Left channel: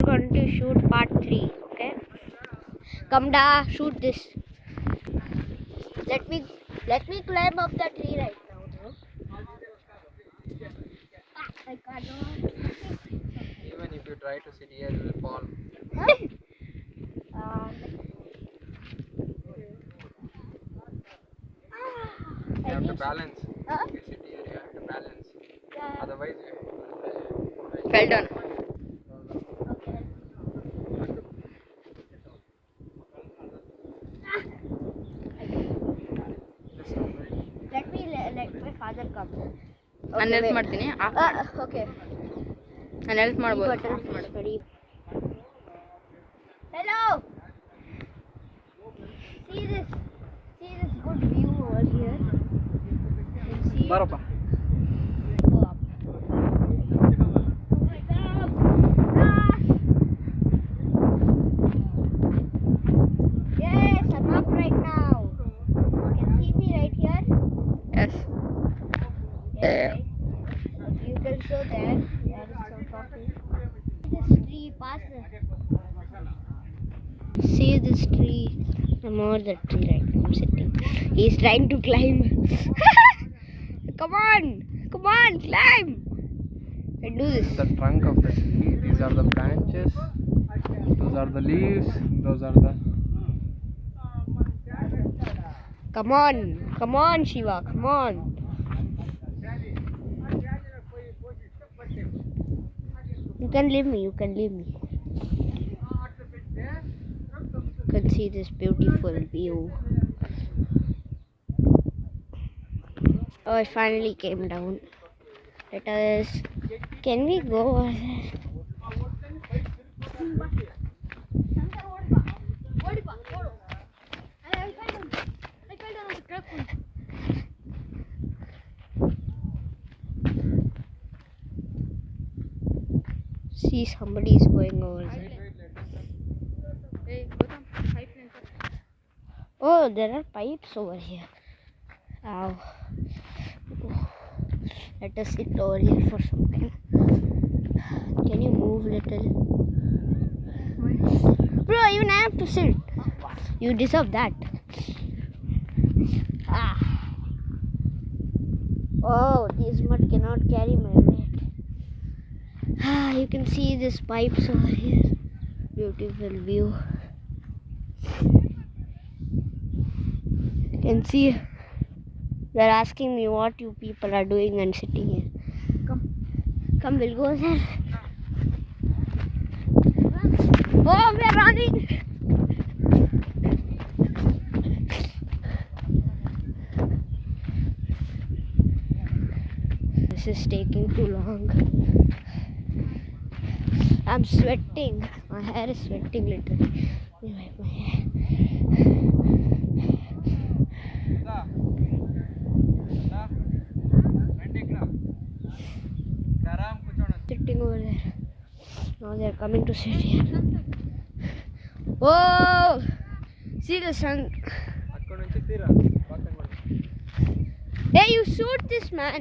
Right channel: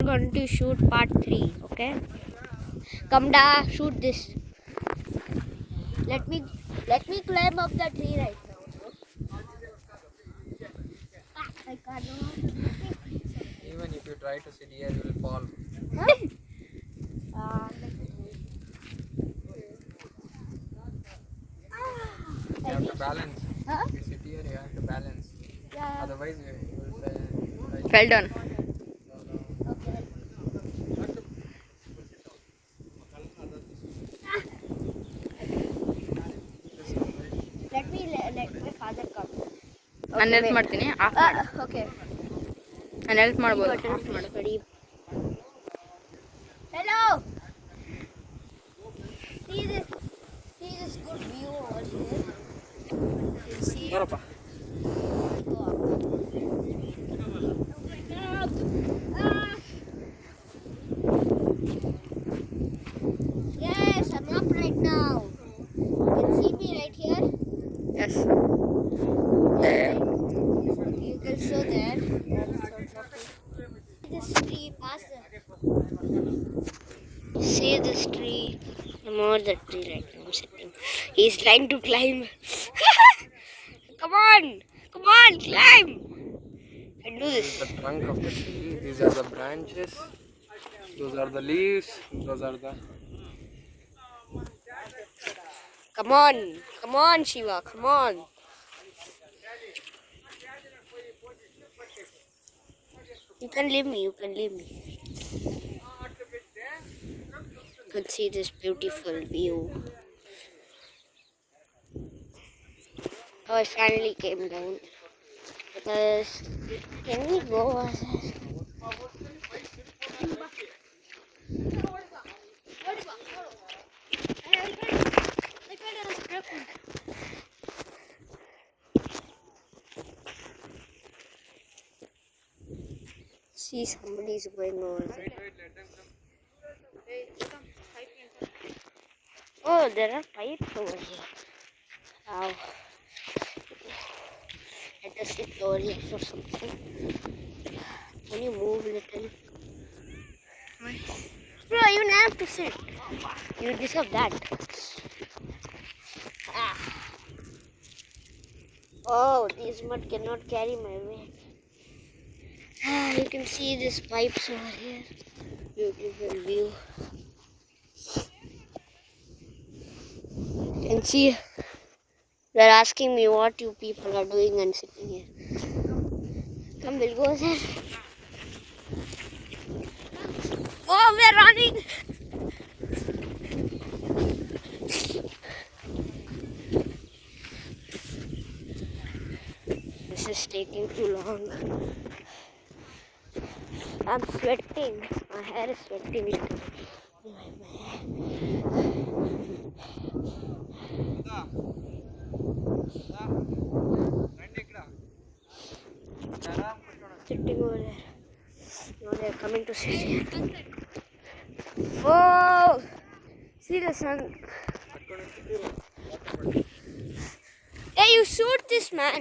We're going to shoot part 3, okay? Come da, shoot this. Let me climb up the tree right now, no? I can't. Even if you try to sit here, you will fall. You have to balance. Huh? If you sit here, you have to balance. Yeah. Otherwise, you will Fell down. Okay. Let my father come. ನಾನು help ಮಾಡ್ತೀನಿ of ಮಾಡು Okay. ನಾನು help ಮಾಡ್ಬೋದು of ಮಾಡು Hello. See this good view over here. You can see. ಬರಪ್ಪ. Oh my God. Yes, I'm up right now. You can see me right here. Yes You can show there. This tree past See this tree. I'm over the tree right now. I'm sitting. He's trying to climb. Come on, climb. And do this. The trunk of the tree. These are the branches. Those are the leaves. Those are the. Come on, Shiva. Come on. You can leave me. You can see this beautiful view. Oh, I finally came down. Can we go? See, somebody is going over there. Oh, there are pipes over here. Wow. Let us sit over here for something. Can you move a little? Bro, you don't have to sit. You deserve that. Ah. Oh, this mud cannot carry my weight. Ah, you can see these pipes over here. Beautiful view. You can see they're asking me what you people are doing and sitting here. Come, we'll go there. Oh, we're running. This is taking too long. I'm sweating. My hair is sweating literally. Let me wipe my hair. Sitting over there. Now they're coming to sit here. Whoa! See the sun. Hey, you shoot this man.